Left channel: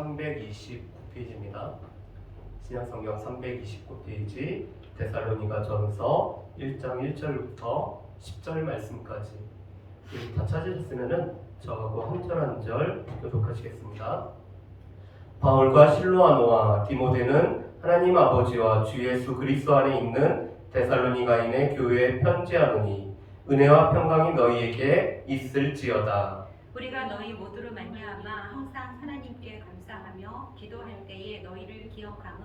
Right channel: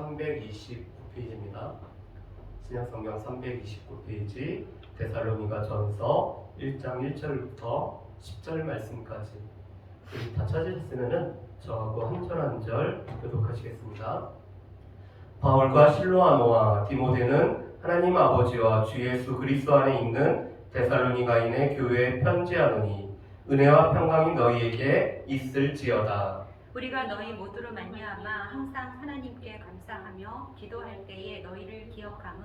329페이지입니다. 신약성경 329페이지 데살로니가전서 1장 1절부터 10절 말씀까지 다 찾으셨으면 저하고 한 절 한 절 교독하시겠습니다. 바울과 실로아노와 디모데는 하나님 아버지와 주 예수 그리스도 안에 있는 데살로니가인의 교회에 편지하노니 은혜와 평강이 너희에게 있을지어다. 우리가 너희 모두로 말미암아 항상 하나님께 감사하며 기도할 때에 너희를 기억함은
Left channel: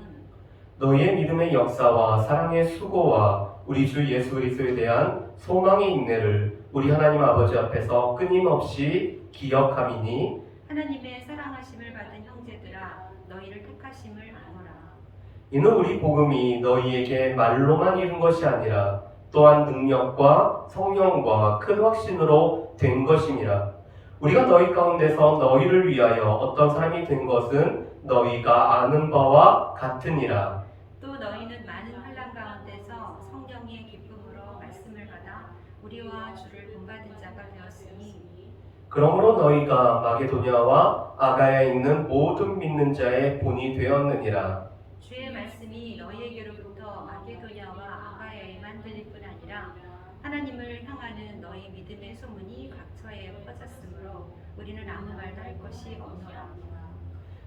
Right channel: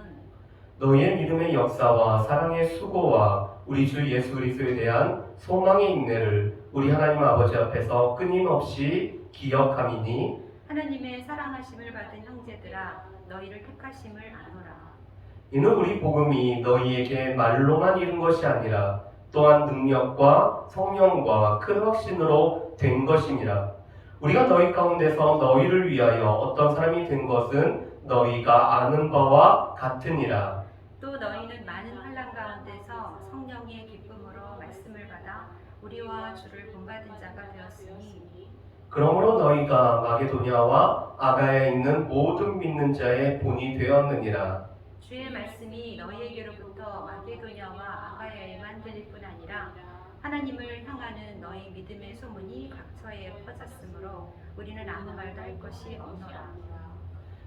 너희의 믿음의 역사와 사랑의 수고와 우리 주 예수 그리스도에 대한 소망의 인내를 우리 하나님 아버지 앞에서 끊임없이 기억함이니 하나님의 사랑하심을 받은 형제들아 너희를 택하심을 아노라. 이는 우리 복음이 너희에게 말로만 이른 것이 아니라 또한 능력과 성령과 큰 확신으로 된 것이니라. 우리가 너희 가운데서 너희를 위하여 어떤 사람이 된 것은 너희가 아는 바와 같으니라. 또 너희는 많은 환난 가운데서 성령의 기쁨으로 말씀을 받아 우리와 주를 본받은 자가 되었으니 그러므로 너희가 마게도냐와 아가야에 있는 모든 믿는 자의 본이 되었느니라. 주의 말씀이 너희에게로부터 마게도냐와 아가야에만 들릴 뿐 아니라 하나님을 향하는 너희 믿음의 소문이 각처에 퍼졌으므로 우리는 아무 말도 할 것이 없노라.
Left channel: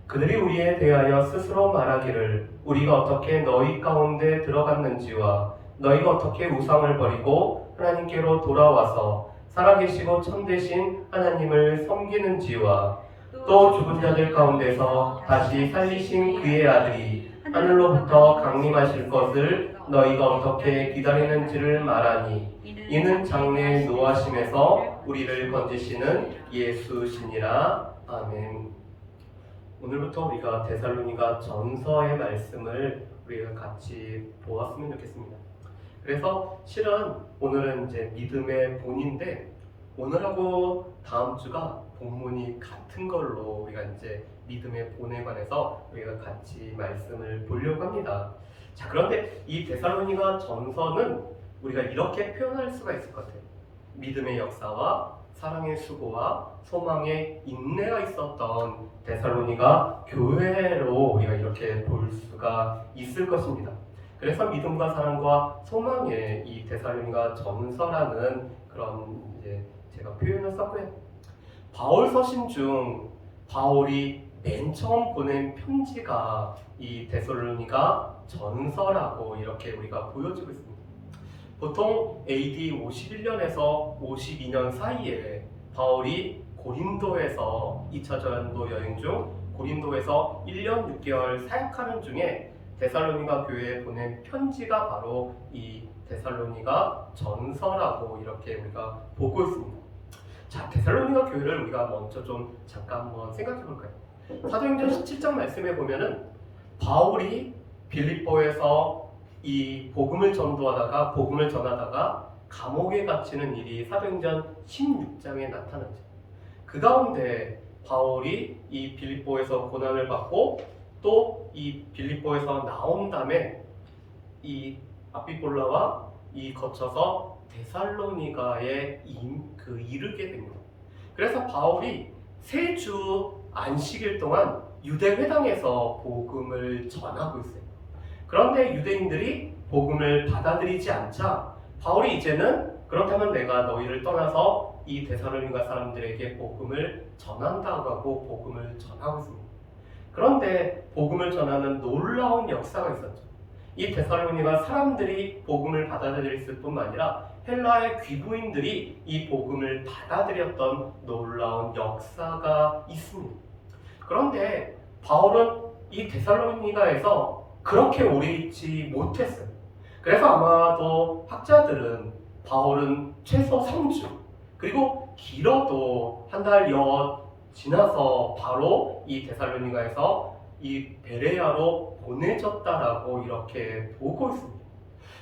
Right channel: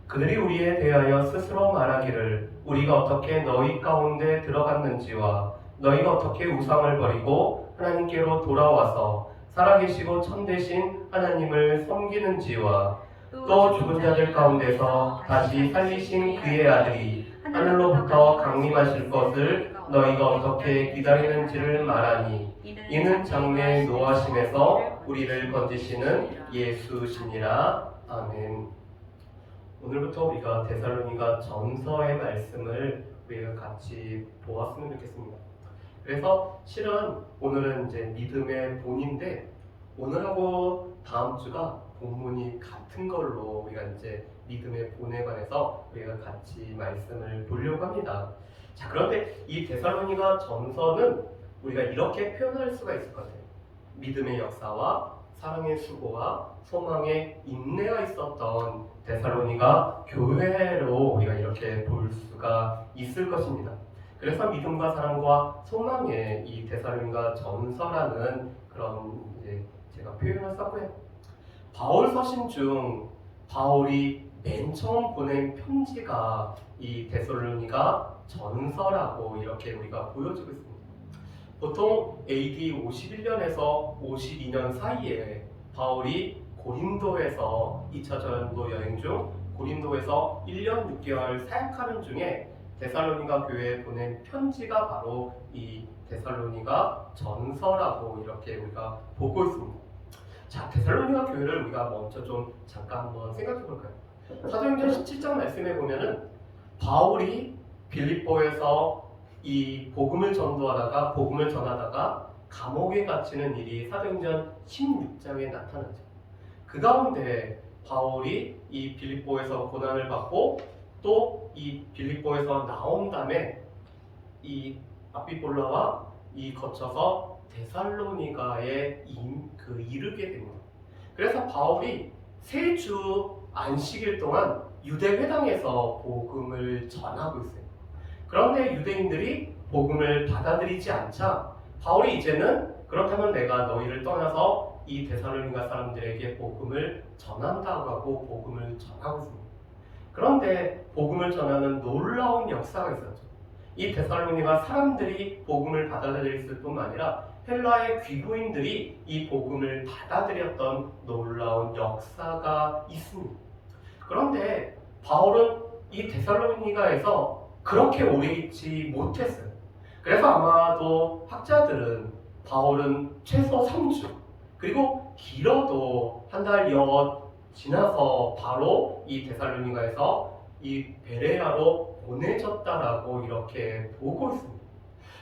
그들이 우리에 대하여 스스로 말하기를 우리가 어떻게 너희 가운데 들어갔는지와 너희가 어떻게 우상을 버리고 하나님께로 돌아와서 살아계시고 참되신 하나님을 섬기는지와 또 죽은 자들 가운데서 다시 살리신 그의 아들이 하늘로부터 강림하실 것을 너희가 어떻게 기다리는지를 말하니 이는 장래의 노하심에서 우리를 건지시는 예수시니라. 아멘. 오늘부터 우리가 데살로니가 전서의 말씀을 우리가 같이 보았으면 좋겠습니다. 그래서 실은 오늘은 이제 믿음의 본인데 오늘하고 다음 주가 본문이 같은 걸로 우리가 이제 믿음의 본에 관해서 우리가 같이 말씀을 보려고 합니다. 자, 그런데 이 데살로니가 전서는 우리가 이렇게 표현할 수가 있을 것 같아요. 믿음의 역사와 사랑의 수고와 소망의 인내가 있었던 데살로니가 교회로 우리가 이렇게 볼 수가 있을 것입니다. 그래서 믿음과 사랑과 소망의 이 데살로니가 전서라는 그런 이제 제가 표현을 썼고요. 바울 서신 중 바울이 맨 처음 보낸 편지가 이 데살로니가 전서라고 이렇게 우리가 보여지고 있습니다. 보통 AD 51년에서 52년 사이에 바울이 고린도에서 2차 전도 여행 중 고린도에서 1년 6개월 사역하는 중에 데살로니가 교회에 보낸 편지가 바로 이 데살로니가 전서라고 이렇게 우리가 보고 있습니다. 자, 데살로니가 교회를 우리가 먼저 좀 잠깐 한번 생각해 볼까요? 사도행전 17장 말씀에 보면은 바울이 빌립보에서 이 복음을 전하다가 감옥에 갇히는 일이 사도행전 16장에 나타나죠. 그 가운데 바울이 이 빌립보에서 고난을 받고 또 이 빌립보에서 나온 다음에 이 아피폴라와 이 거쳐서 데살로니가에 이르게 됩니다. 그래서 바울이 3주 안식일 동안 유대 회당에서 복음을 전하고 있어요. 그런데 유대인들이 복음을 받아들이지 않자 바울이 이제는 그렇다면 내가 너희를 떠나서 이 데살로니가 사람들에게 복음을 전한다고 하고 복음을 전하고 있습니다. 그런데 복음을 전하는 놀라운 역사가 있었죠. 이 데살로니가 사람들이 복음을 받아들였을 뿐만 아니라 헬라의 귀부인들이 이 복음을 받아들였던 놀라운 역사가 있습니다. 그런데 바울은 이 데살로니가에서 그렇게 오래 있지 못했어요. 그래서 아마도 학자들은 바울은 최소 3주 그리고 길어도 한 달여 지나서 바로 이 데살로니가에서 이 베레아로 보내졌다라고 이렇게 보고 있습니다.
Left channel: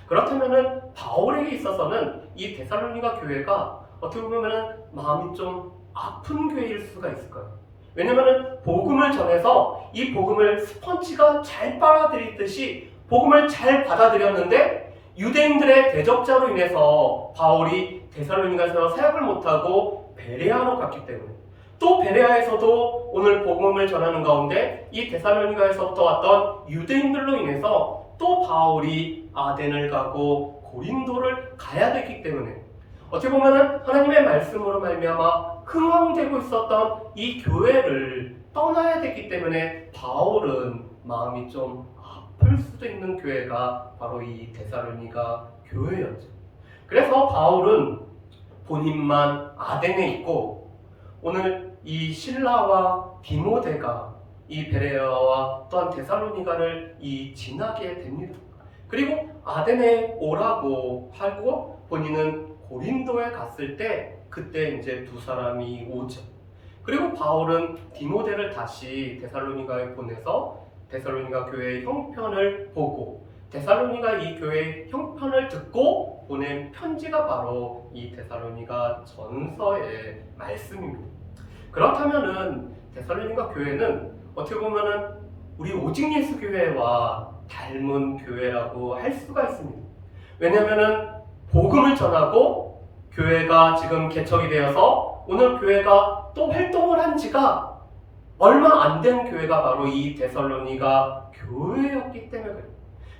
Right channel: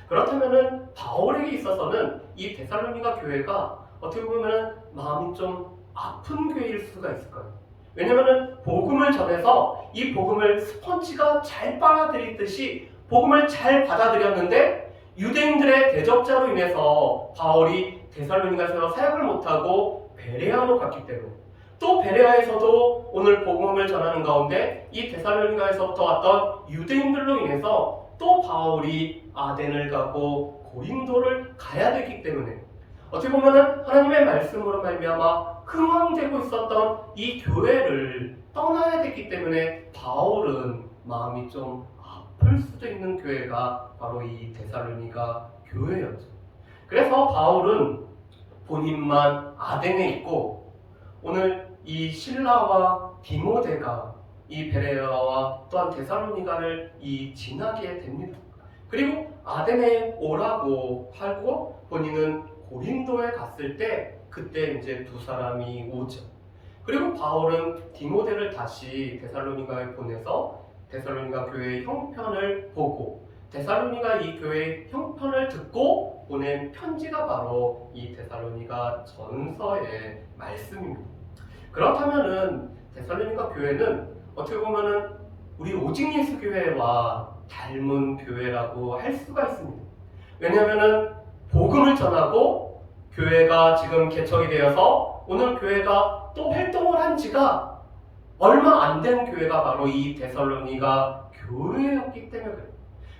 그렇다면은 바울에게 있어서는 이 데살로니가 교회가 어떻게 보면은 마음이 좀 아픈 교회일 수가 있을 거예요. 왜냐면은 복음을 전해서 이 복음을 스펀지가 잘 빨아들이듯이 복음을 잘 받아들였는데 유대인들의 대적자로 인해서 바울이 데살로니가에서 사역을 못하고 베레아로 갔기 때문에 또 베레아에서도 오늘 복음을 전하는 가운데 이 데살로니가에서부터 왔던 유대인들로 인해서 또 바울이 아덴을 가고 고린도를 가야 되기 때문에 어떻게 보면은 하나님의 말씀으로 말미암아 흥황되고 있었던 이 교회를 떠나야 됐기 때문에 바울은 마음이 좀 아플 수도 있는 교회가 바로 이 데살로니가 교회였죠. 그래서 바울은 본인만 아덴에 있고 오늘 이 실라와 디모데가 이 베레아와 또한 데살로니가를 지나게 됩니다. 그리고 아덴에 오라고 하고 본인은 고린도에 갔을 때 그때 이제 두 사람이 오죠. 그리고 바울은 디모데를 다시 데살로니가에 보내서 데살로니가 교회의 형편을 보고 데살로니가 이 교회의 형편을 듣고 보낸 편지가 바로 이 데살로니가 전서의 말씀입니다. 그렇다면은 데살로니가 교회는 어떻게 보면은 우리 오직 예수 교회와 닮은 교회라고 할 수가 있습니다. 왜냐하면은 복음을 전하고 교회가 지금 개척이 되어서 오늘 교회가 또 활동을 한 지가 얼마 안 된 교회가 바로 이 데살로니가 교회였기 때문에 그래요.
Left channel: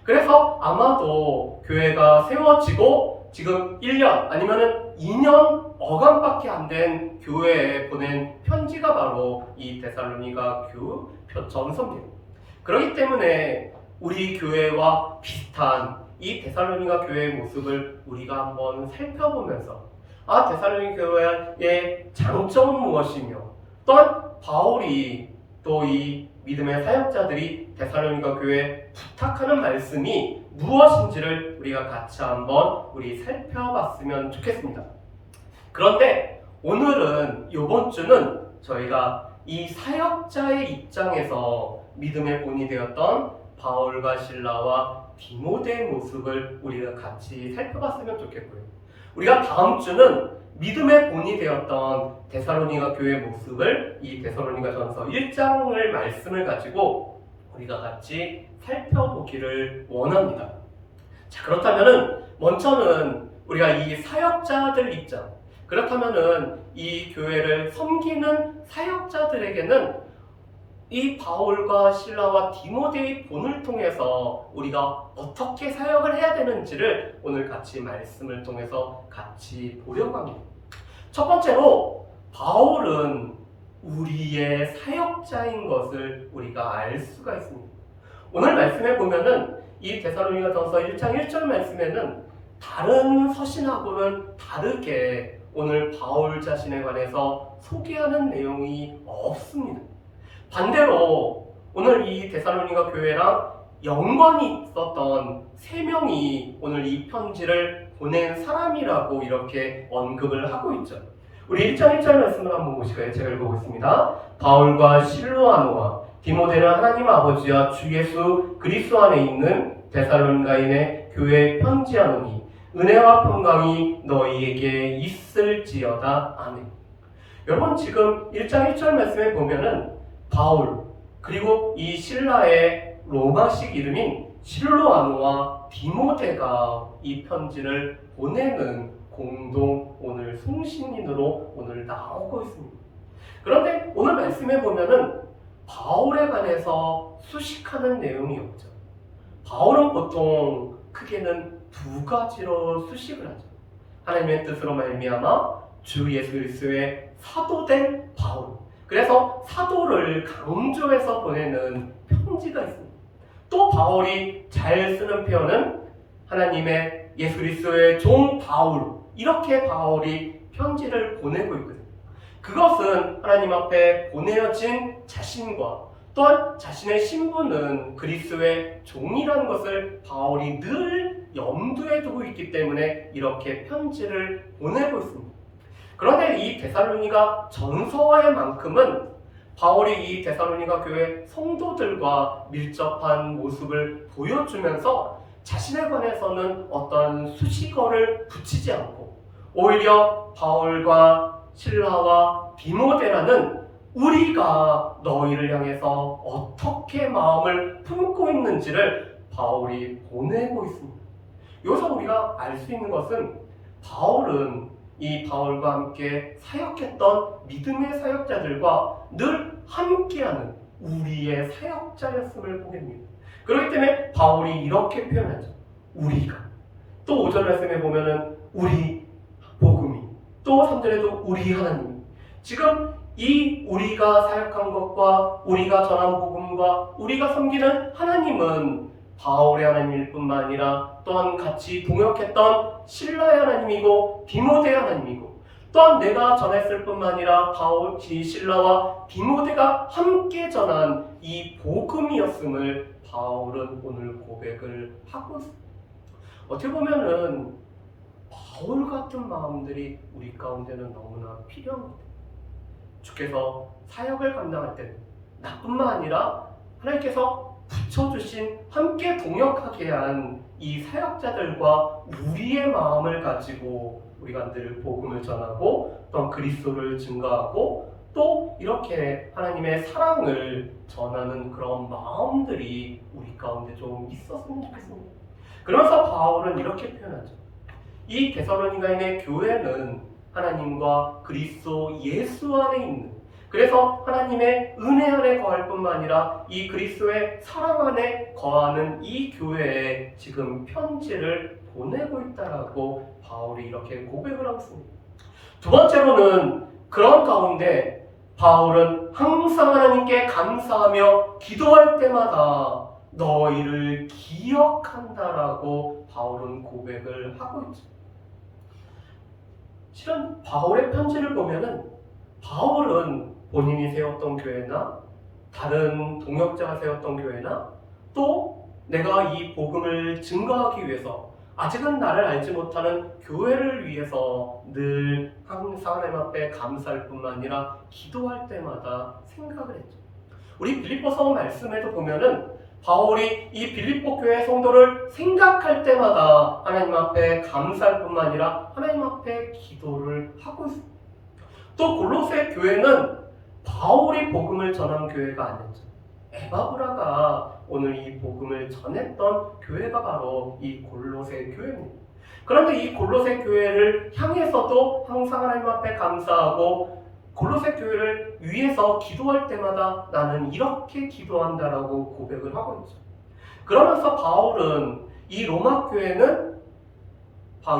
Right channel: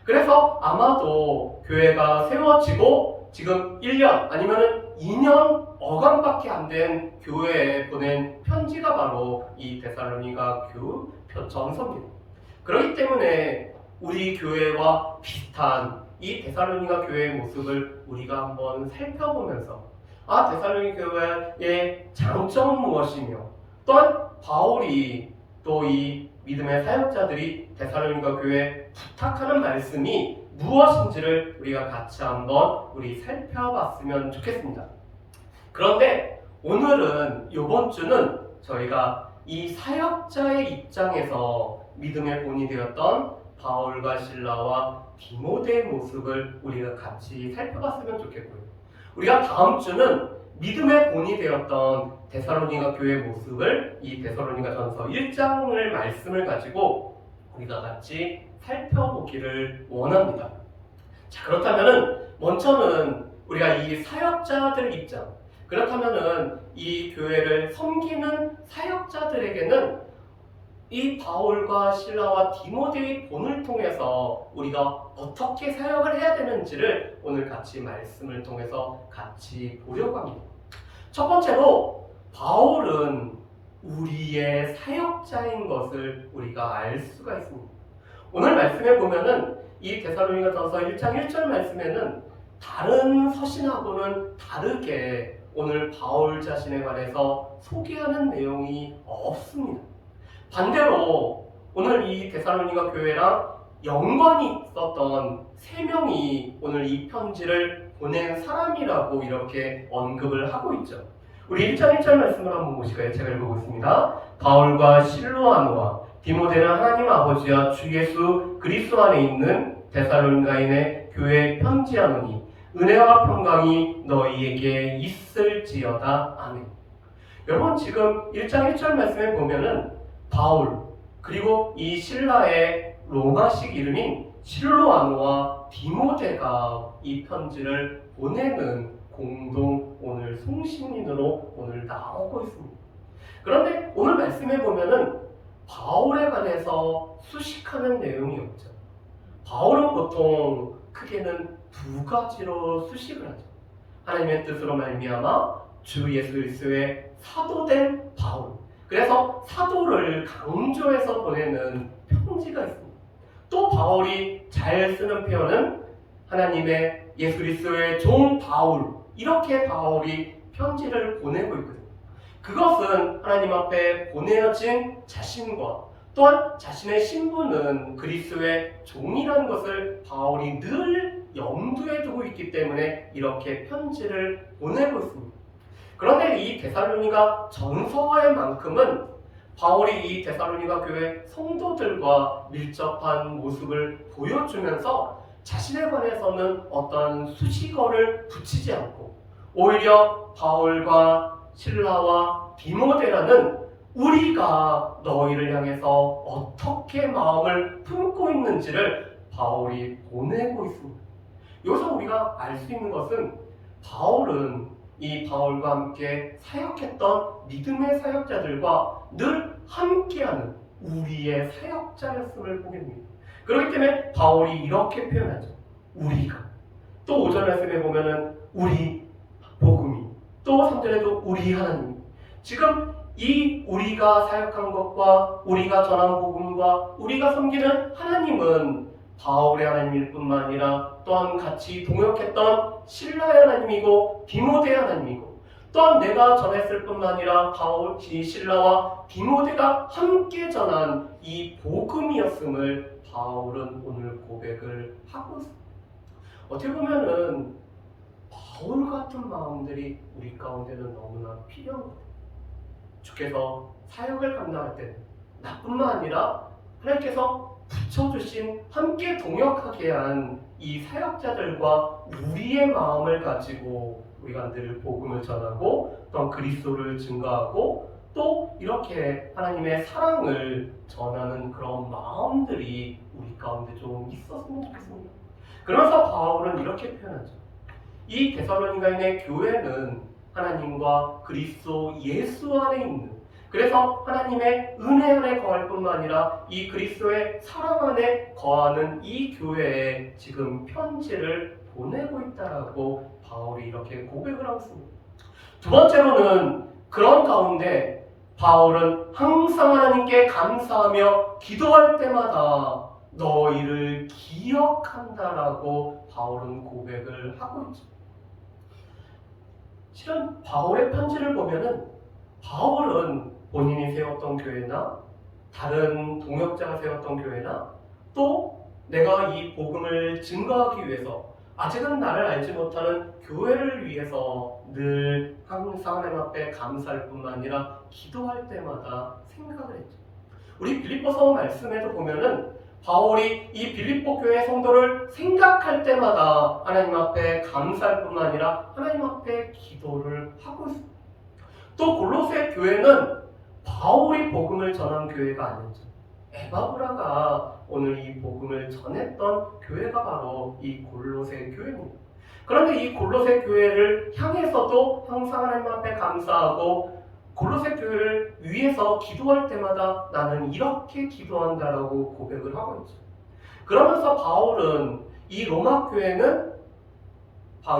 그래서 아마도 교회가 세워지고 지금 1년 아니면은 2년 어간밖에 안 된 교회에 보낸 편지가 바로 이 데살로니가 전서입니다. 그렇기 때문에 우리 교회와 비슷한 이 데살로니가 교회의 모습을 우리가 한번 살펴보면서 데살로니가 교회의 장점은 무엇이며 또한 바울이 또 이 믿음의 사역자들이 데살로니가 교회에 부탁하는 말씀이 무엇인지를 우리가 같이 한번 살펴봤으면 좋겠습니다. 그런데 오늘은 이번 주는 저희가 이 사역자의 입장에서 믿음의 본이 되었던 바울과 실라와 디모데의 모습을 우리가 같이 살펴봤으면 좋겠고요. 우리가 다음 주는 믿음의 본이 되었던 데살로니가 교회의 모습을 이 데살로니가 전서 1장을 말씀을 가지고 우리가 같이 살펴보기를 원합니다. 자, 그렇다면은 먼저는 우리가 이 사역자들 입장, 그렇다면은 이 교회를 섬기는 사역자들에게는 이 바울과 실라와 디모데의 본을 통해서 우리가 어떻게 사역을 해야 되는지를 오늘 같이 말씀을 통해서 같이 보려고 합니다. 첫 번째로 바울은 우리의 사역자인 것을 우리가 알 수가 있습니다. 오늘 말씀에 보면은 이 데살로니가 전서 1장 1절 말씀에는 다른 서신하고는 다르게 오늘 바울 자신에 관해서 소개하는 내용이 없습니다. 반대로 오늘 이 데살로니가 교회랑 연관이 있었던 3명이 오늘 이 편지를 보낸 사람이라고 이렇게 언급을 하고 있죠. 우리 1장 1절 말씀을 한번 보실까요? 제가 읽어보겠습니다. 바울과 실로아노와 디모데는 하나님 아버지와 주 예수 그리스도 안에 있는 데살로니가인의 교회에 편지하노니 은혜와 평강이 너희에게 있을지어다. 아멘. 여러분 지금 1장 1절 말씀에 보면은 바울 그리고 이 실라의 로마식 이름인 실로아노와 디모데가 이 편지를 보내는 공동 오늘 송신인으로 오늘 나오고 있습니다. 그런데 오늘 말씀에 보면은 바울에 관해서 수식하는 내용이 없죠. 바울은 보통 크게는 2가지로 수식을 하죠. 하나님의 뜻으로 말미암아 주 예수 그리스도의 사도된 바울. 그래서 사도를 강조해서 보내는 편지가 있습니다. 또 바울이 잘 쓰는 표현은 하나님의 예수 그리스도의 종 바울, 이렇게 바울이 편지를 보내고 있거든요. 그것은 하나님 앞에 보내어진 자신과 또한 자신의 신분은 그리스도의 종이라는 것을 바울이 늘 염두에 두고 있기 때문에 이렇게 편지를 보내고 있습니다. 그런데 이 데살로니가 전서와의 만큼은 바울이 이 데살로니가 교회 성도들과 밀접한 모습을 보여주면서 자신에 관해서는 어떤 수식어를 붙이지 않고 오히려 바울과 실라와 디모데라는 우리가 너희를 향해서 어떻게 마음을 품고 있는지를 바울이 보내고 있습니다. 여기서 우리가 알 수 있는 것은 바울은 이 바울과 함께 사역했던 믿음의 사역자들과 늘 함께하는 우리의 사역자였음을 보게 됩니다. 그렇기 때문에 바울이 이렇게 표현하죠. 우리가. 또 오전 말씀에 보면은 우리 복음이, 또 3절에도 우리 하나님. 지금 이 우리가 사역한 것과 우리가 전한 복음과 우리가 섬기는 하나님은 바울의 하나님일 뿐만 아니라 또한 같이 동역했던 실라의 하나님이고 디모데의 하나님이고, 또한 내가 전했을 뿐만 아니라 바울, 실라와 디모데가 함께 전한 이 복음이었음을 바울은 오늘 고백을 하고 있습니다. 어떻게 보면은 바울 같은 마음들이 우리 가운데는 너무나 필요한 것 같아요. 주께서 사역을 감당할 때 나뿐만 아니라 하나님께서 붙여주신 함께 동역하게 한 이 사역자들과 우리의 마음을 가지고 우리가 늘 복음을 전하고 또 그리스도를 증거하고 또 이렇게 하나님의 사랑을 전하는 그런 마음들이 우리 가운데 좀 있었으면 좋겠습니다. 그러면서 바울은 이렇게 표현하죠. 이 데살로니가인의 교회는 하나님과 그리스도 예수 안에 있는, 그래서 하나님의 은혜 안에 거할 뿐만 아니라 이 그리스도의 사랑 안에 거하는 이 교회에 지금 편지를 보내고 있다라고 바울이 이렇게 고백을 하고 있습니다. 두 번째로는 그런 가운데 바울은 항상 하나님께 감사하며 기도할 때마다 너희를 기억한다라고 바울은 고백을 하고 있죠. 실은 바울의 편지를 보면은 바울은 본인이 세웠던 교회나 다른 동역자가 세웠던 교회나 또 내가 이 복음을 증거하기 위해서 아직은 나를 알지 못하는 교회를 위해서 늘 항상 하나님 앞에 감사할 뿐만 아니라 기도할 때마다 생각을 했죠. 우리 빌립보서 말씀에도 보면은 바울이 이 빌립보 교회 성도를 생각할 때마다 하나님 앞에 감사할 뿐만 아니라 하나님 앞에 기도를 하고 있습니다. 또 골로새 교회는 바울이 복음을 전한 교회가 아니었죠. 에바브라가 오늘 이 복음을 전했던 교회가 바로 이 골로새 교회입니다. 그런데 이 골로새 교회를 향해서도 항상 하나님 앞에 감사하고 골로새 교회를 위해서 기도할 때마다 나는 이렇게 기도한다라고 고백을 하고 있죠. 그러면서 바울은 이 로마 교회는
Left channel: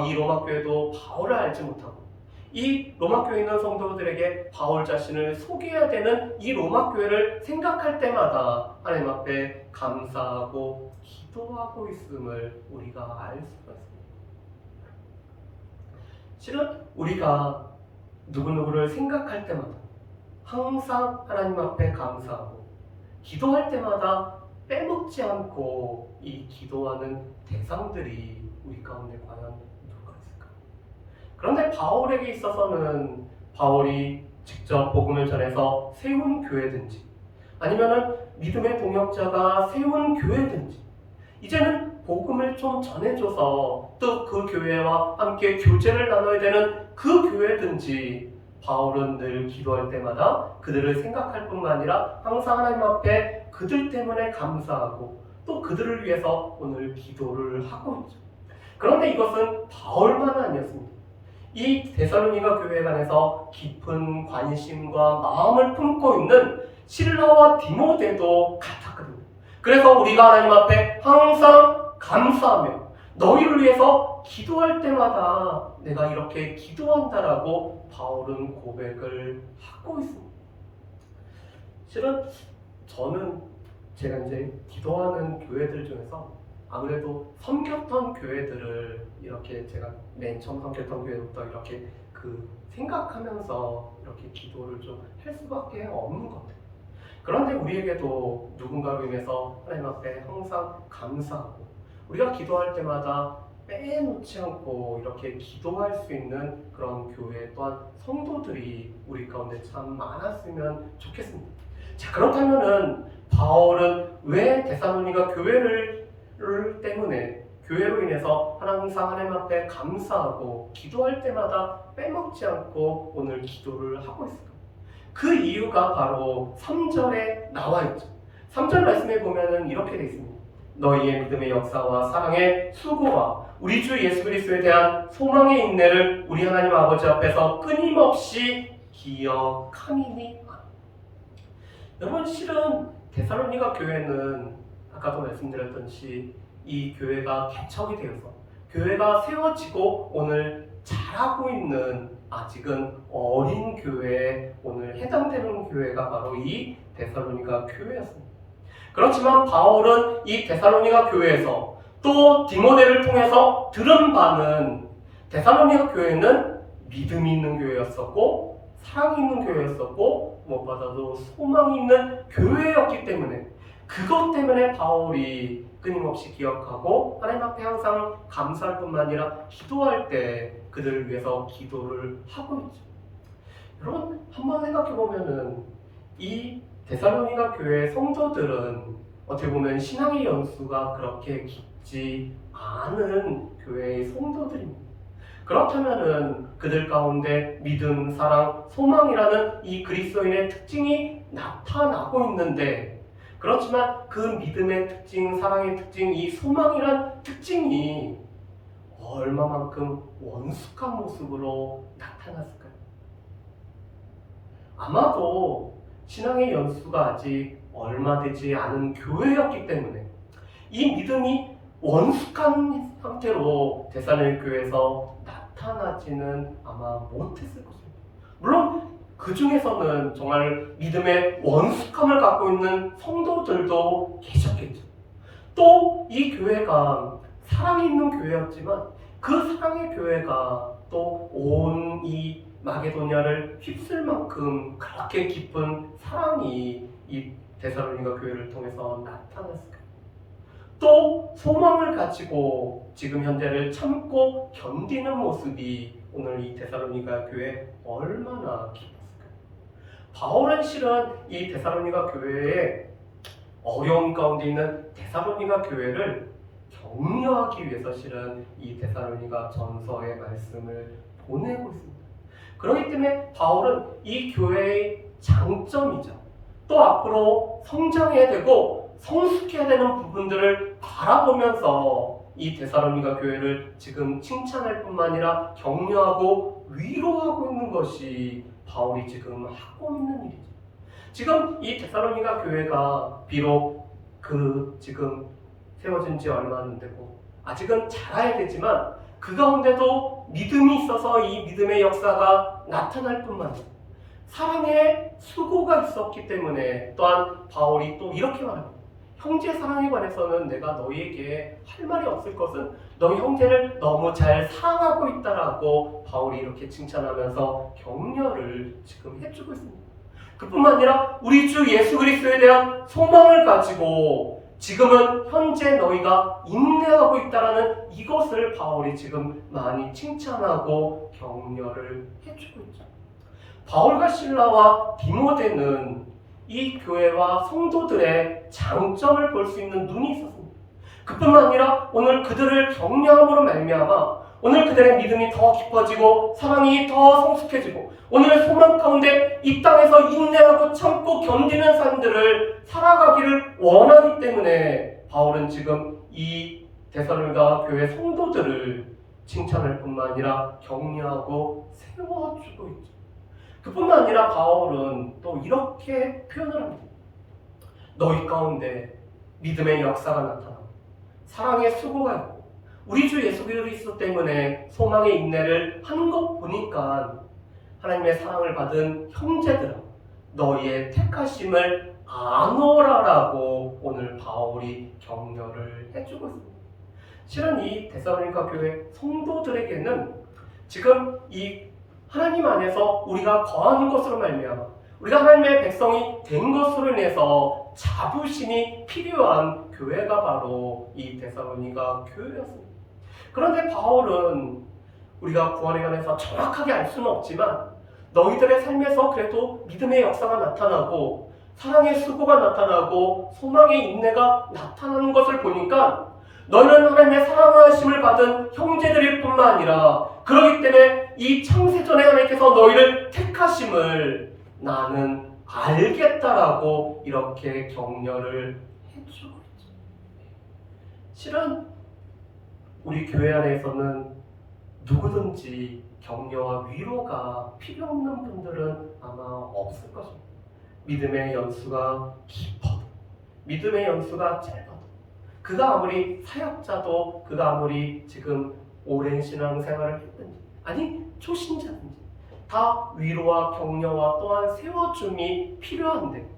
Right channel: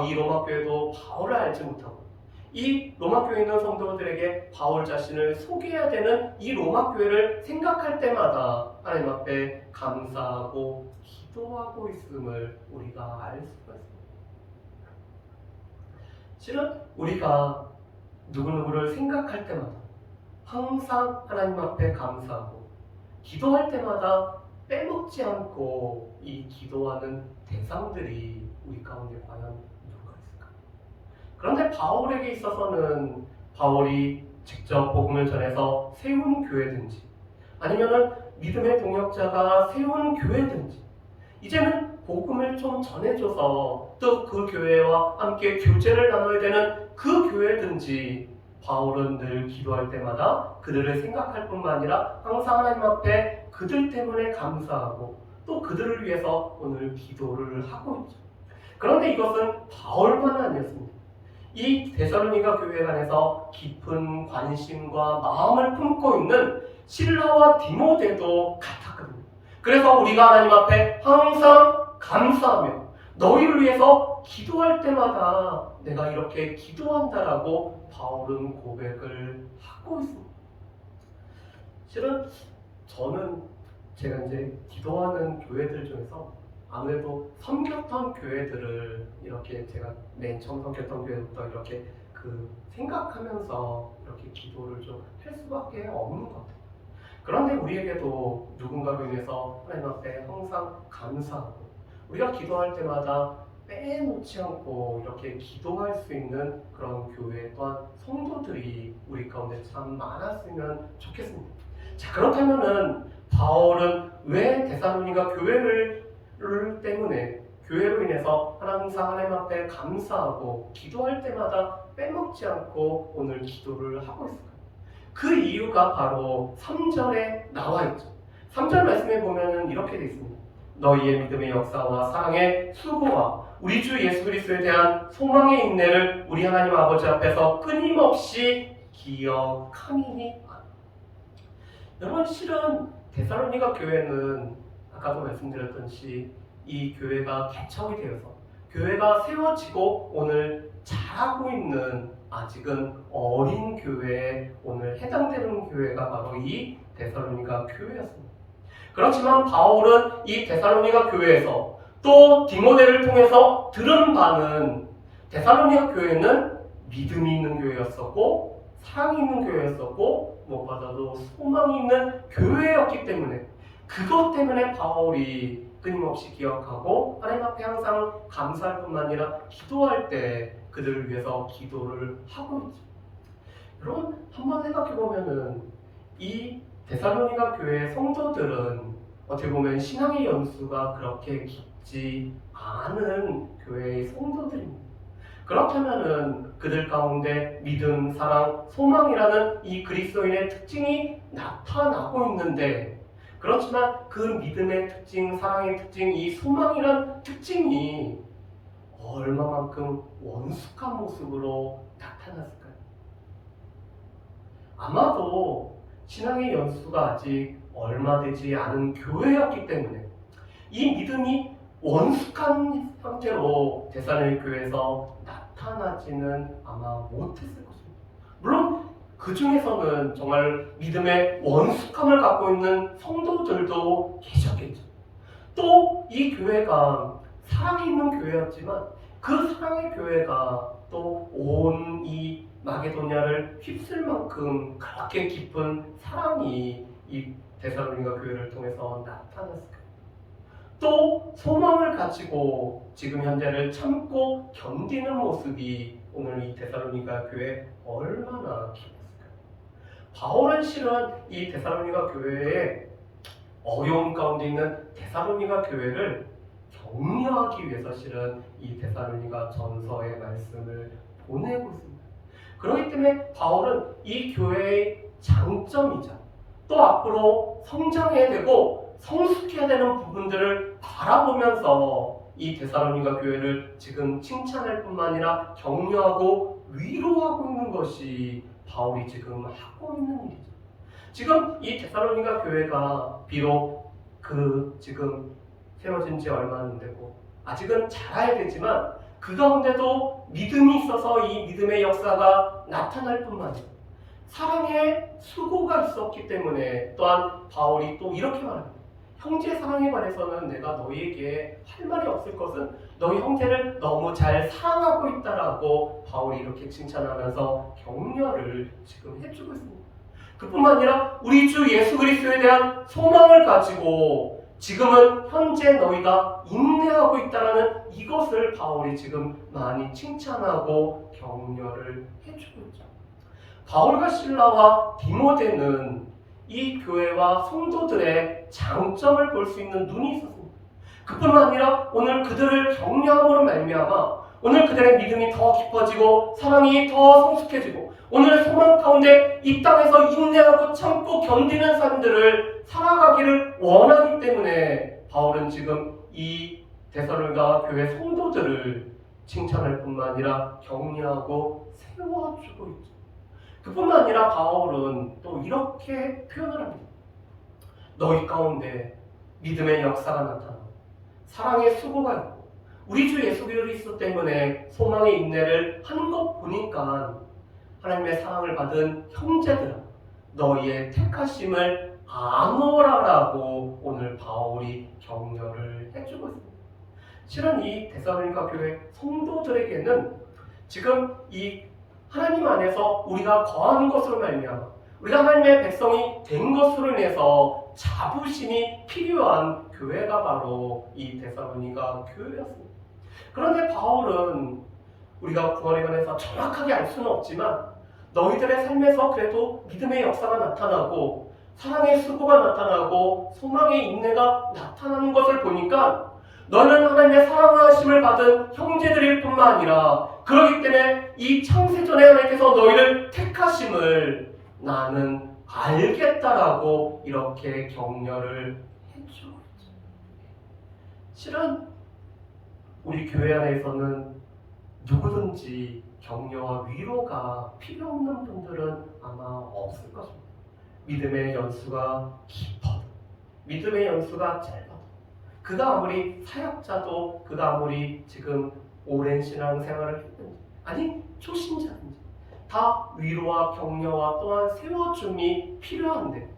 이 로마 교회도 바울을 알지 못하고 이 로마 교회에 있는 성도들에게 바울 자신을 소개해야 되는 이 로마 교회를 생각할 때마다 하나님 앞에 감사하고 기도하고 있음을 우리가 알 수가 있습니다. 실은 우리가 누구누구를 생각할 때마다 항상 하나님 앞에 감사하고 기도할 때마다 빼먹지 않고 이 기도하는 대상들이 우리 가운데 과연 누가 있을까요? 그런데 바울에게 있어서는 바울이 직접 복음을 전해서 세운 교회든지 아니면은 믿음의 동역자가 세운 교회든지 이제는 복음을 좀 전해줘서 또 그 교회와 함께 교제를 나눠야 되는 그 교회든지 바울은 늘 기도할 때마다 그들을 생각할 뿐만 아니라 항상 하나님 앞에 그들 때문에 감사하고 또 그들을 위해서 오늘 기도를 하고 있죠. 그런데 이것은 바울만은 아니었습니다. 이 데살로니가 교회 안에서 깊은 관심과 마음을 품고 있는 실라와 디모데도 같았거든요. 그래서 우리가 하나님 앞에 항상 감사하며 너희를 위해서 기도할 때마다 내가 이렇게 기도한다라고 바울은 고백을 하고 있습니다. 실은 저는 제가 이제 기도하는 교회들 중에서 아무래도 섬겼던 교회들을 이렇게 제가 맨 처음 섬겼던 교회부터 이렇게 생각하면서 이렇게 기도를 좀 할 수밖에 없는 것 같아요. 그런데 우리에게도 누군가로 인해서 하나님 앞에 항상 감사하고 우리가 기도할 때마다 빼놓지 않고 이렇게 기도할 수 있는 그런 교회 또한 성도들이 우리 가운데 참 많았으면 좋겠습니다. 자, 그렇다면은 바울은 왜 데살로니가 교회를 때문에 교회로 인해서 항상 하나님 앞에 감사하고 기도할 때마다 빼먹지 않고 오늘 기도를 하고 있을까요? 그 이유가 바로 3절에 나와 있죠. 3절 말씀에 보면은 이렇게 되어 있습니다. 너희의 믿음의 역사와 사랑의 수고와 우리 주 예수 그리스도에 대한 소망의 인내를 우리 하나님 아버지 앞에서 끊임없이 기억함이니까. 여러분, 실은 데살로니가 교회는 아까도 말씀드렸듯이 이 교회가 개척이 되어서 교회가 세워지고 오늘 자라고 있는 아직은 어린 교회에 오늘 해당되는 교회가 바로 이 데살로니가 교회였습니다. 그렇지만 바울은 이 데살로니가 교회에서 또 디모데를 통해서 들은 바는 데살로니가 교회는 믿음이 있는 교회였었고 사랑이 있는 교회였었고 무엇보다도 소망이 있는 교회였기 때문에 그것 때문에 바울이 끊임없이 기억하고 하나님 앞에 항상 감사할 뿐만 아니라 기도할 때 그들을 위해서 기도를 하고 있죠. 여러분, 한번 생각해보면은 이 데살로니가 교회 성도들은 어떻게 보면 신앙의 연수가 그렇게 깊지 않은 교회의 성도들입니다. 그렇다면은 그들 가운데 믿음, 사랑, 소망이라는 이 그리스도인의 특징이 나타나고 있는데, 그렇지만 그 믿음의 특징, 사랑의 특징, 이 소망이란 특징이 얼마만큼 원숙한 모습으로 나타났을까요? 아마도 신앙의 연수가 아직 얼마 되지 않은 교회였기 때문에 이 믿음이 원숙한 상태로 데살로니가 교회에서 나타나지는 아마 못했을 것입니다. 물론 그 중에서는 정말 믿음의 원숙함을 갖고 있는 성도들도 계셨겠죠. 또 이 교회가 사랑이 있는 교회였지만 그 사랑의 교회가 또 온 이 마게도냐를 휩쓸 만큼 그렇게 깊은 사랑이 이 데살로니가 교회를 통해서 나타났을 거예요. 또 소망을 가지고 지금 현재를 참고 견디는 모습이 오늘 이 데살로니가 교회에 얼마나 깊었을까요? 바울은 실은 이 데살로니가 교회의 어려움 가운데 있는 데살로니가 교회를 격려하기 위해서 실은 이 데살로니가 전서의 말씀을 보내고 있습니다. 그렇기 때문에 바울은 이 교회의 장점이자 또 앞으로 성장해야 되고 성숙해야 되는 부분들을 바라보면서 이 데살로니가 교회를 지금 칭찬할 뿐만 아니라 격려하고 위로하고 있는 것이 바울이 지금 하고 있는 일이죠. 지금 이 데살로니가 교회가 비록 그 지금 세워진 지 얼마 안 되고 아직은 자라야 되지만 그 가운데도 믿음이 있어서 이 믿음의 역사가 나타날 뿐만 아니라 사랑의 수고가 있었기 때문에 또한 바울이 또 이렇게 말합니다. 형제 사랑에 관해서는 내가 너희에게 할 말이 없을 것은 너희 형제를 너무 잘 사랑하고 있다라고 바울이 이렇게 칭찬하면서 격려를 지금 해주고 있습니다. 그뿐만 아니라 우리 주 예수 그리스도에 대한 소망을 가지고 지금은 현재 너희가 인내하고 있다라는 이것을 바울이 지금 많이 칭찬하고 격려를 해주고 있죠. 바울과 실라와 디모데는 이 교회와 성도들의 장점을 볼 수 있는 눈이 있었습니다. 그뿐만 아니라 오늘 그들을 격려함으로 말미암아 오늘 그들의 믿음이 더 깊어지고 사랑이 더 성숙해지고 오늘 소망 가운데 이 땅에서 인내하고 참고 견디는 삶들을 살아가기를 원하기 때문에 바울은 지금 이 데살로니가 교회 성도들을 칭찬할 뿐만 아니라 격려하고 세워주고 있죠. 그뿐만 아니라 바울은 또 이렇게 표현을 합니다. 너희 가운데 믿음의 역사가 나타나고 사랑의 수고가 있고 우리 주 예수 그리스도 때문에 소망의 인내를 하는 것 보니까 하나님의 사랑을 받은 형제들아 너희의 택하심을 아노라라고 오늘 바울이 격려를 해주고 있습니다. 실은 이 데살로니가 교회 성도들에게는 지금 이 하나님 안에서 우리가 거하는 것으로 말미암아 우리가 하나님의 백성이 된 것으로 인해서 자부심이 필요한 교회가 바로 이 데살로니가 교회였습니다. 그런데 바울은 우리가 구원에 관해서 정확하게 알 수는 없지만 너희들의 삶에서 그래도 믿음의 역사가 나타나고 사랑의 수고가 나타나고 소망의 인내가 나타나는 것을 보니까 너는 하나님의 사랑하심을 받은 형제들일 뿐만 아니라 그렇기 때문에 이 창세전에 하나님께서 너희를 택하심을 나는 알겠다라고 이렇게 격려를 해주고 있죠. 실은 우리 교회 안에서는 누구든지 격려와 위로가 필요 없는 분들은 아마 없을 것입니다. 믿음의 연수가 깊어도, 믿음의 연수가 짧아도, 그가 아무리 사역자도, 그가 아무리 지금 오랜 신앙생활을 했든지, 아니 초신자든지 다 위로와 격려와 또한 세워줌이 필요한데,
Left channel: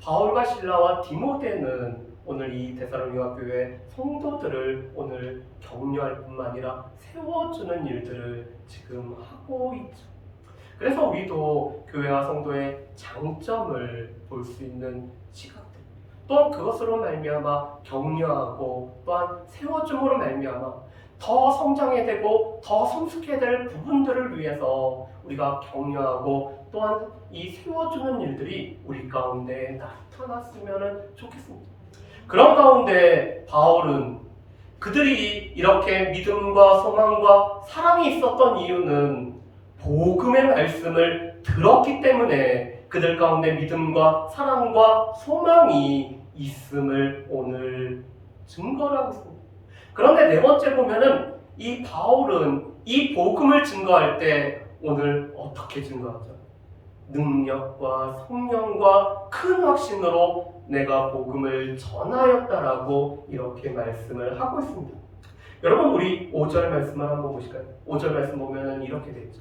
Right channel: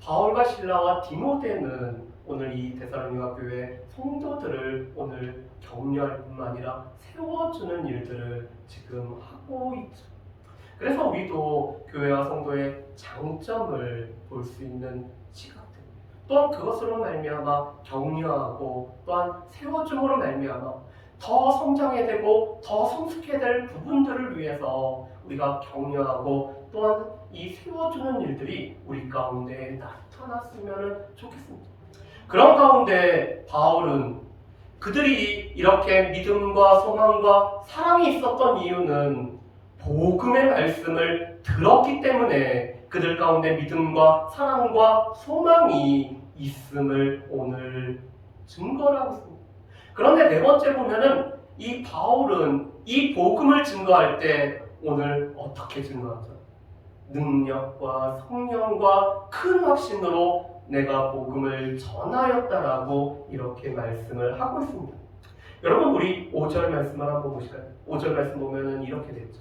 바울과 실라와 디모데는 오늘 이 데살로니가 교회 성도들을 오늘 격려할 뿐만 아니라 세워주는 일들을 지금 하고 있죠. 그래서 우리도 교회와 성도의 장점을 볼 수 있는 시각들, 또한 그것으로 말미암아 격려하고 또한 세워줌으로 말미암아 더 성장해야 되고 더 성숙해야 될 부분들을 위해서 우리가 격려하고 또한 이 세워주는 일들이 우리 가운데 나타났으면 좋겠습니다. 그런 가운데 바울은 그들이 이렇게 믿음과 소망과 사랑이 있었던 이유는 복음의 말씀을 들었기 때문에 그들 가운데 믿음과 사랑과 소망이 있음을 오늘 증거하고 있습니다. 그런데 네 번째 보면은 이 바울은 이 복음을 증거할 때 오늘 어떻게 증거하죠? 능력과 성령과 큰 확신으로 내가 복음을 전하였다라고 이렇게 말씀을 하고 있습니다. 여러분, 우리 5절 말씀을 한번 보실까요? 5절 말씀 보면은 이렇게 되어 있죠.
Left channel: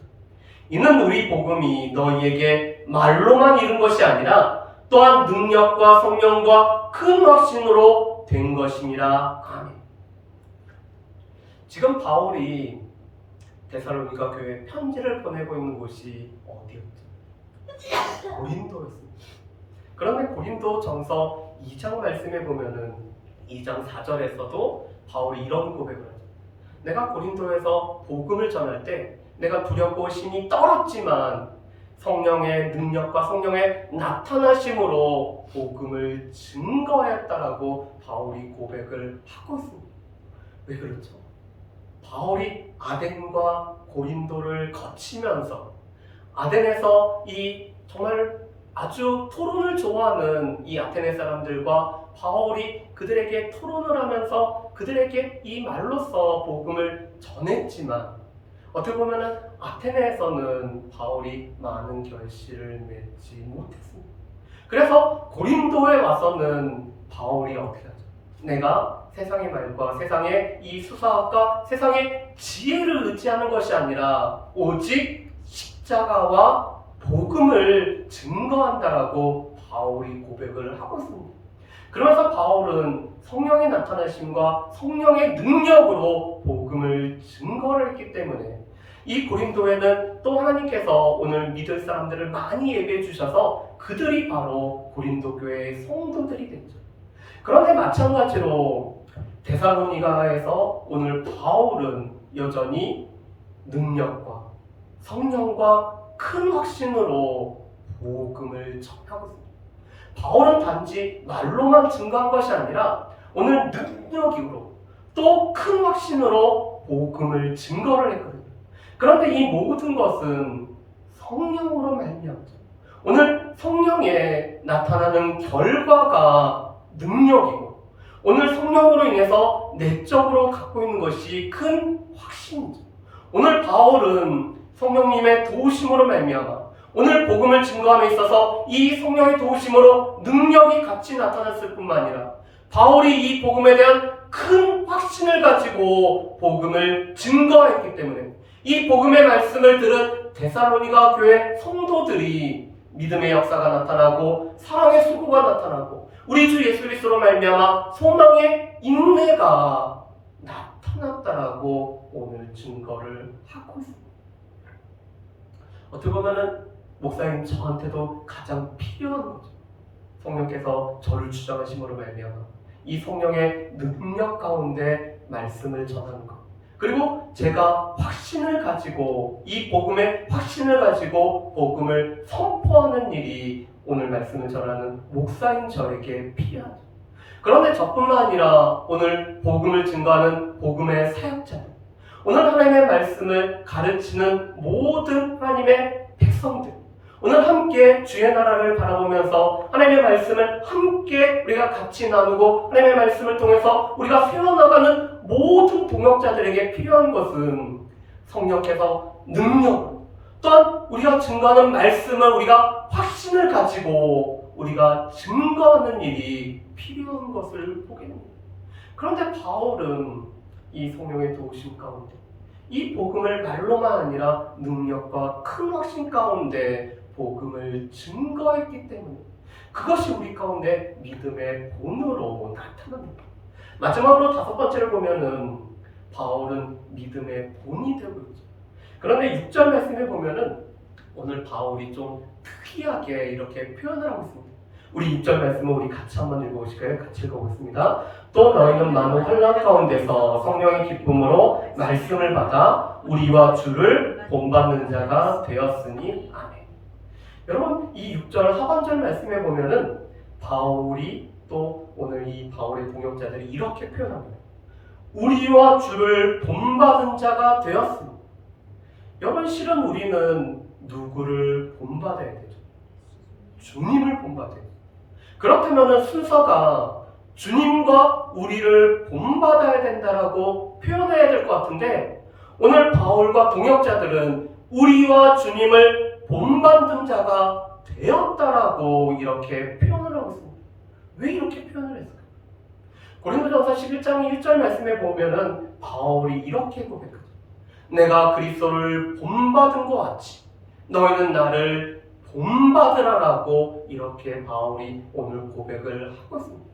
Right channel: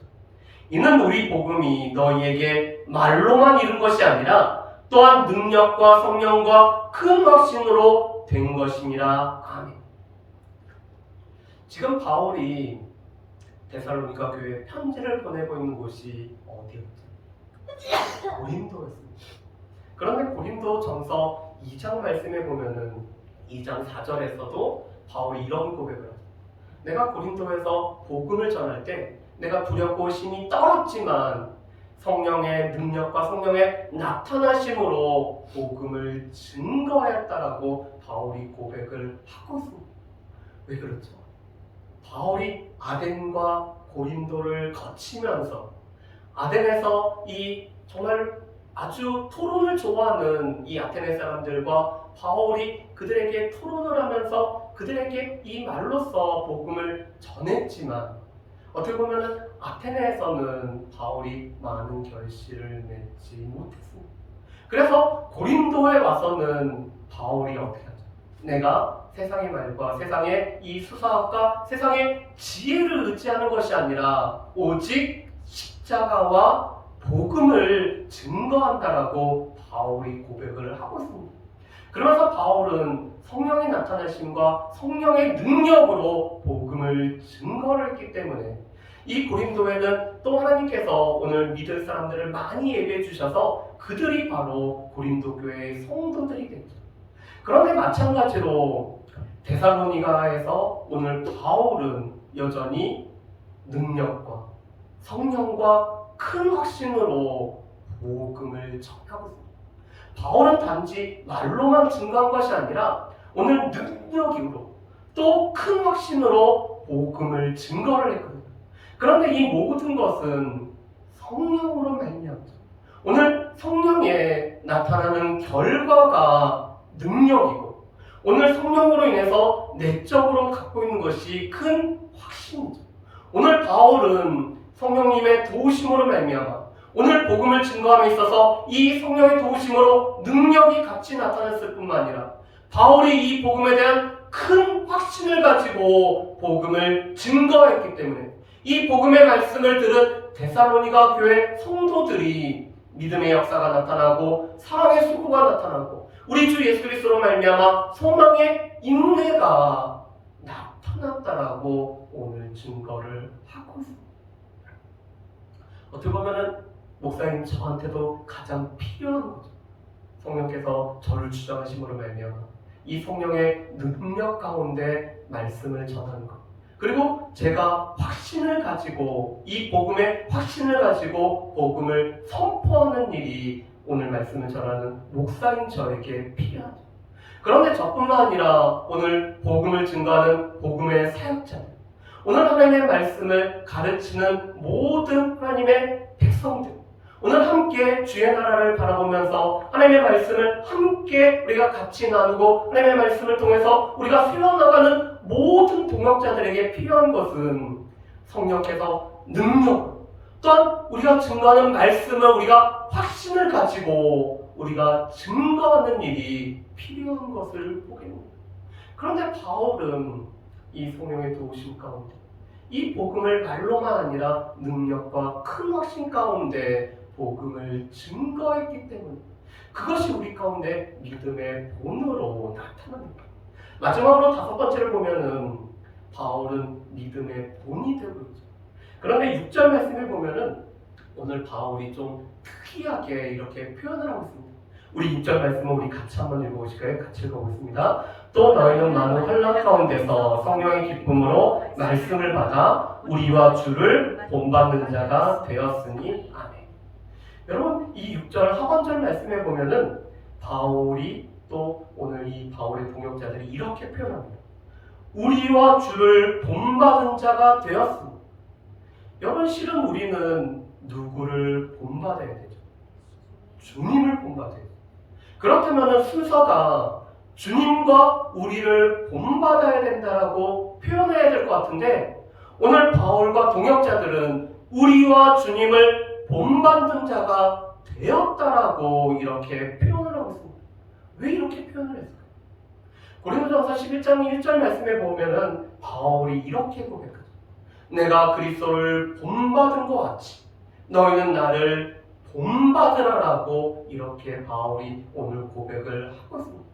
이는 우리 복음이 너희에게 말로만 이룬 것이 아니라 또한 능력과 성령과 큰 확신으로 된 것임이라. 아멘. 지금 바울이 데살로니가 교회에 편지를 보내고 있는 곳이 어디였죠? 고린도였습니다. 그런데 고린도 전서 2장 말씀에 보면은 2장 4절에서도 바울이 이런 고백을 하죠. 내가 고린도에서 복음을 전할 때 내가 두렵고 심히 떨었지만 성령의 능력과 성령의 나타나심으로 복음을 증거하였다라고 바울이 고백을 하고 있습니다. 왜 그렇죠? 바울이 아덴과 고린도를 거치면서 아덴에서 이 정말 아주 토론을 좋아하는 이 아테네 사람들과 바울이 그들에게 토론을 하면서 그들에게 이 말로써 복음을 전했지만 어떻게 보면은 아테네에서는 바울이 많은 결실을 맺지 못했습니다. 그래서 고린도에 와서는 바울이 어떻게 하죠? 내가 세상의 말과 세상의 이 수사학과 세상의 지혜를 의지하는 것이 아니라 오직 십자가와 복음을 증거한다라고 바울이 고백을 하고 있습니다. 그러면서 바울은 성령의 나타나심과 성령의 능력으로 복음을 증거를 했기 때문에 이 고린도에는 또 하나님께서 오늘 믿을 사람들을 많이 예배해 주셔서 그들이 바로 고린도 교회의 성도들이 됐죠. 그런데 마찬가지로 데살로니가에서 오늘 바울은 여전히 능력과 성령과 큰 확신으로 복음을 전하고 있습니다. 바울은 단지 말로만 증거한 것이 아니라 오늘 능력으로 또 큰 확신으로 복음을 증거를 했거든요. 그런데 이 모든 것은 성령으로 말미암죠. 오늘 성령에 나타나는 결과가 능력이고 오늘 성령으로 인해서 내적으로 갖고 있는 것이 큰 확신이죠. 오늘 바울은 성령님의 도우심으로 말미암아 오늘 복음을 증거함에 있어서 이 성령의 도우심으로 능력이 같이 나타났을 뿐만 아니라 바울이 이 복음에 대한 큰 확신을 가지고 복음을 증거했기 때문에 이 복음의 말씀을 들은 데살로니가 교회 성도들이 믿음의 역사가 나타나고 사랑의 수고가 나타나고 우리 주 예수 그리스도로 말미암아 소망의 인내가 나타났다라고 오늘 증거를 하고 있습니다. 어떻게 보면은 목사님 저한테도 가장 필요한 거죠. 성령께서 저를 주장하심으로 말미암아 이 성령의 능력 가운데 말씀을 전하는 것, 그리고 제가 확신을 가지고 이 복음의 확신을 가지고 복음을 선포하는 일이 오늘 말씀을 전하는 목사인 저에게 필요하죠. 그런데 저뿐만 아니라 오늘 복음을 증거하는 복음의 사역자들, 오늘 하나님의 말씀을 가르치는 모든 하나님의 백성들, 오늘 함께 주의 나라를 바라보면서 하나님의 말씀을 함께 우리가 같이 나누고 하나님의 말씀을 통해서 우리가 세워나가는 모든 동역자들에게 필요한 것은 성령께서 능력, 또한 우리가 증거하는 말씀을 우리가 확신을 가지고 우리가 증거하는 일이 필요한 것을 보게 됩니다. 그런데 바울은 이 성령의 도우심 가운데 이 복음을 말로만 아니라 능력과 큰 확신 가운데 복음을 증거했기 때문에 그것이 우리 가운데 믿음의 본으로 나타납니다. 마지막으로 5번째를 보면은 바울은 믿음의 본이 되고 있죠. 그런데 6절 말씀을 보면은 오늘 바울이 좀 특이하게 이렇게 표현을 하고 있습니다. 우리 6절 말씀을 우리 같이 한번 읽어보실까요? 같이 읽어보겠습니다. 또 너희는 많은 환난 가운데서 성령의 기쁨으로 말씀을 받아 우리와 주를 본받는 자가 되었으니 아멘. 여러분 이 6절 하반절 말씀에 보면은 바울이 또 오늘 이 바울의 동역자들이 이렇게 표현합니다. 우리와 주를 본받은 자가 되었습니다. 여러분 실은 우리는 누구를 본받아야 되죠? 주님을 본받아야 돼요. 그렇다면 순서가 주님과 우리를 본받아야 된다라고 표현해야 될 것 같은데 오늘 바울과 동역자들은 우리와 주님을 본받는 자가 되었다라고 이렇게 표현을 하고 있습니다. 왜 이렇게 표현을 했을까요? 고린도전서 11장 1절 말씀에 보면은 바울이 이렇게 고백하죠. 내가 그리스도를 본받은 것 같이 너희는 나를 본받으라라고 이렇게 바울이 오늘 고백을 하고 있습니다.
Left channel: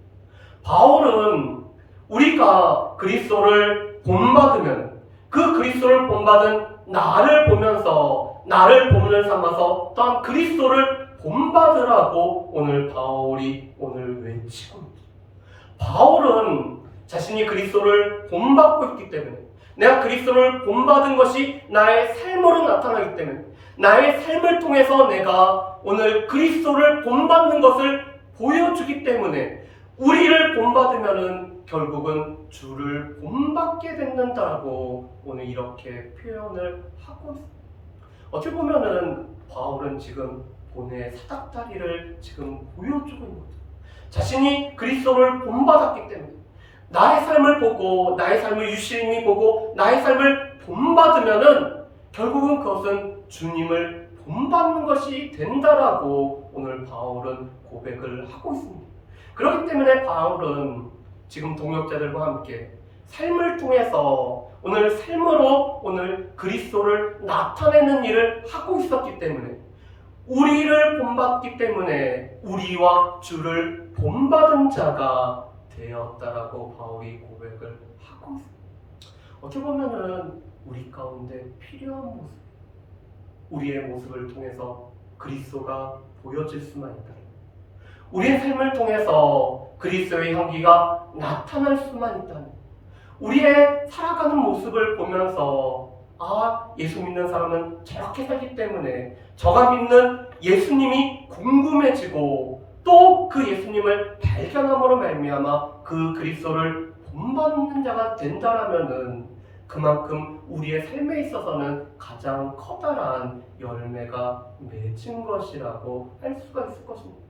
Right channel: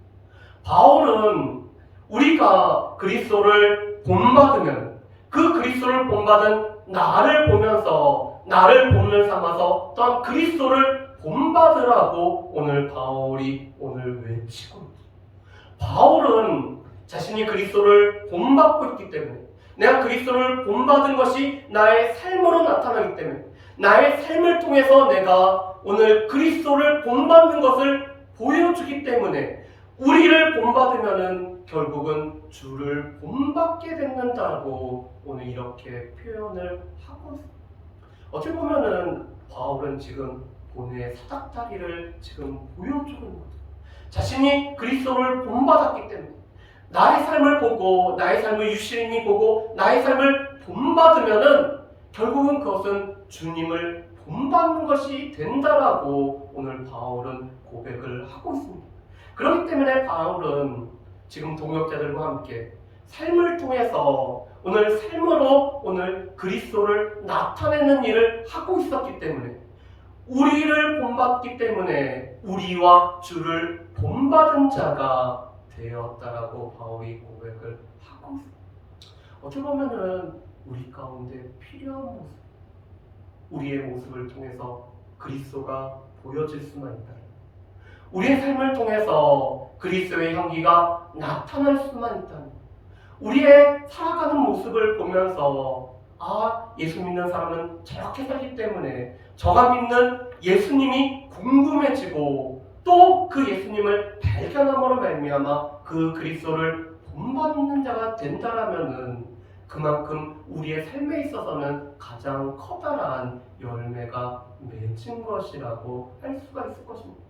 바울은 우리가 그리스도를 본받으면 그 그리스도를 본받은 나를 보면서 나를 본을 삼아서 또한 그리스도를 본받으라고 오늘 바울이 오늘 외치고 있죠. 바울은 자신이 그리스도를 본받고 있기 때문에 내가 그리스도를 본받은 것이 나의 삶으로 나타나기 때문에 나의 삶을 통해서 내가 오늘 그리스도를 본받는 것을 보여주기 때문에 우리를 본받으면은 결국은 주를 본받게 된다고 오늘 이렇게 표현을 하고 있습니다. 어떻게 보면은 바울은 지금 본의 사닥다리를 지금 보여주고 있는 거죠. 자신이 그리스도를 본받았기 때문에 나의 삶을 보고 나의 삶을 유시님이 보고 나의 삶을 본받으면은 결국은 그것은 주님을 본받는 것이 된다라고 오늘 바울은 고백을 하고 있습니다. 그렇기 때문에 바울은 지금 동역자들과 함께 삶을 통해서 오늘 삶으로 오늘 그리스도를 나타내는 일을 하고 있었기 때문에 우리를 본받기 때문에 우리와 주를 본받은 자가 되었다라고 바울이 고백을 하고 있습니다. 어떻게 보면은 우리 가운데 필요한 모습, 우리의 모습을 통해서 그리스도가 보여질 수만 있다면 우리의 삶을 통해서 그리스도의 향기가 나타날 수만 있다면 우리의 살아가는 모습을 보면서 예수 믿는 사람은 저렇게 살기 때문에 저가 믿는 예수님이 궁금해지고 또 그 예수님을 발견함으로 말미암아 그 그리스도를 본받는 자가 된다라면은 그만큼 우리의 삶에 있어서는 가장 커다란 열매가 맺은 것이라고 할 수가 있을 것입니다.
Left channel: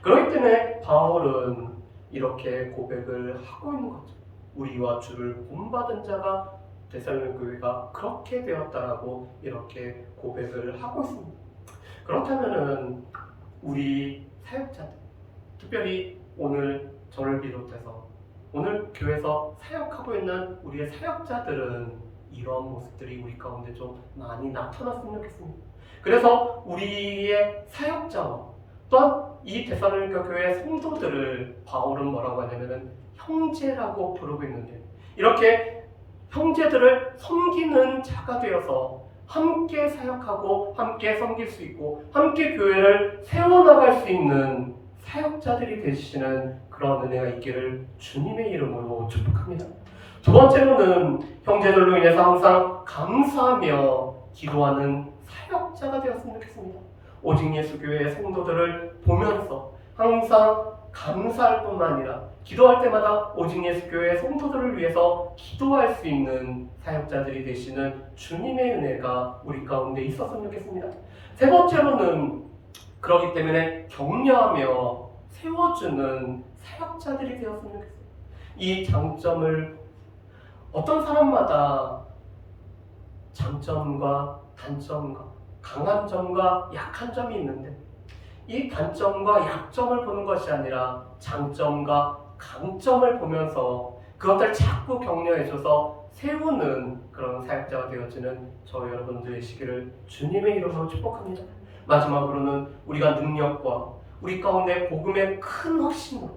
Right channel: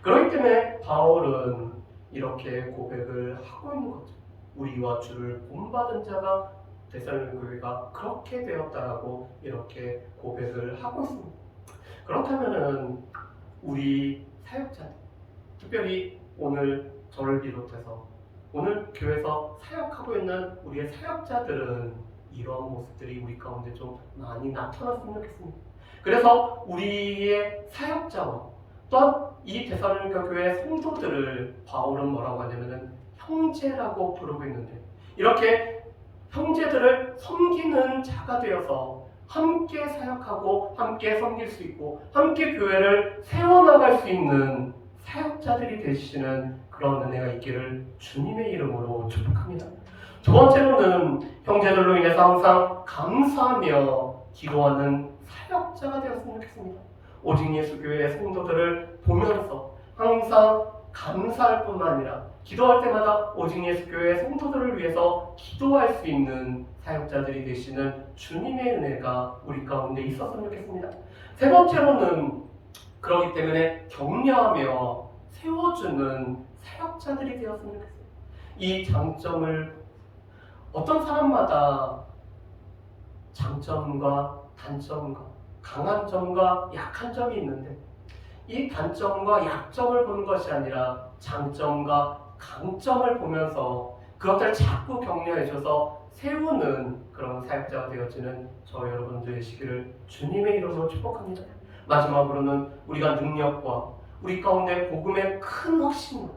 그렇기 때문에 바울은 이렇게 고백을 하고 있는 거죠. 우리와 주를 본받은 자가 데살로니가 교회가 그렇게 되었다라고 이렇게 고백을 하고 있습니다. 그렇다면은 우리 사역자들, 특별히 오늘 저를 비롯해서 오늘 교회에서 사역하고 있는 우리의 사역자들은 이러한 모습들이 우리 가운데 좀 많이 나타났으면 좋겠습니다. 그래서 우리의 사역자와 또한 이 데살로니가 교회의 성도들을 바울은 뭐라고 하냐면은 형제라고 부르고 있는데 이렇게 형제들을 섬기는 자가 되어서 함께 사역하고 함께 섬길 수 있고 함께 교회를 세워나갈 수 있는 사역자들이 되시는 그런 은혜가 있기를 주님의 이름으로 축복합니다. 두 번째로는 형제들로 인해서 항상 감사하며 기도하는 사역자가 되었으면 좋겠습니다. 오직 예수 교회의 성도들을 보면서 항상 감사할 뿐만 아니라 기도할 때마다 오직 예수 교회의 성도들을 위해서 기도할 수 있는 사역자들이 되시는 주님의 은혜가 우리 가운데 있었으면 좋겠습니다. 세 번째로는 그렇기 때문에 격려하며 세워주는 사역자들이 되었으면 좋겠어요. 이 장점을 어떤 사람마다 장점과 단점과 강한 점과 약한 점이 있는데 이 단점과 약점을 보는 것이 아니라 장점과 강점을 보면서 그것을 자꾸 격려해줘서 세우는 그런 사역자가 되어지는 저 여러분들 되시기를 주님의 이름으로 축복합니다. 마지막으로는 우리가 능력과 우리 가운데 복음의 큰 확신으로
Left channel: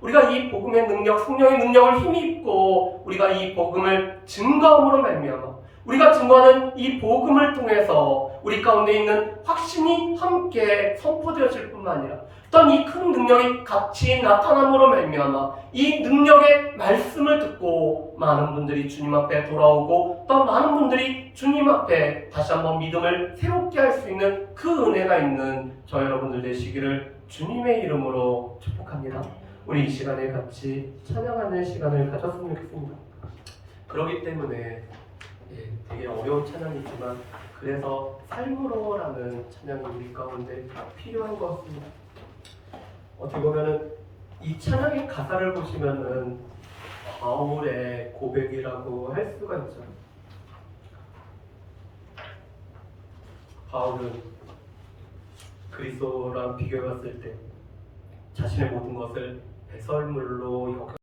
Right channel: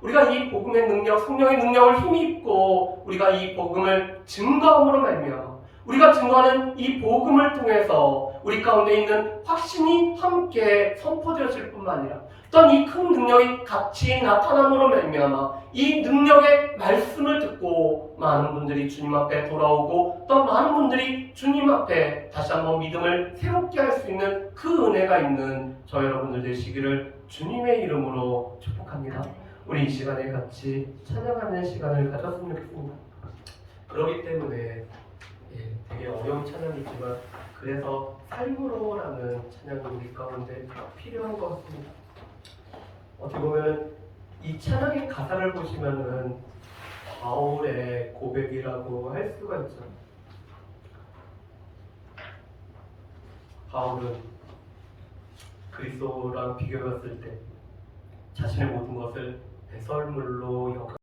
우리가 이 복음의 능력, 성령의 능력을 힘입고 우리가 이 복음을 증거함으로 말미암아 우리가 증거하는 이 복음을 통해서 우리 가운데 있는 확신이 함께 선포되어질 뿐만 아니라 어떤 이 큰 능력이 같이 나타남으로 말미암아 이 능력의 말씀을 듣고 많은 분들이 주님 앞에 돌아오고 또 많은 분들이 주님 앞에 다시 한번 믿음을 새롭게 할 수 있는 그 은혜가 있는 저 여러분들 되시기를 주님의 이름으로 축복합니다. 우리 이 시간에 같이 찬양하는 시간을 가졌으면 좋겠습니다. 그렇기 때문에 되게 어려운 찬양이지만 그래서 삶으로라는 찬양이 우리 가운데 필요한 것 같습니다. 어떻게 보면은 이 찬양의 가사를 보시면은 바울의 고백이라고 할 수가 있죠. 바울은 그리스도랑 비교해봤을 때 자신의 모든 것을 배설물로 여겨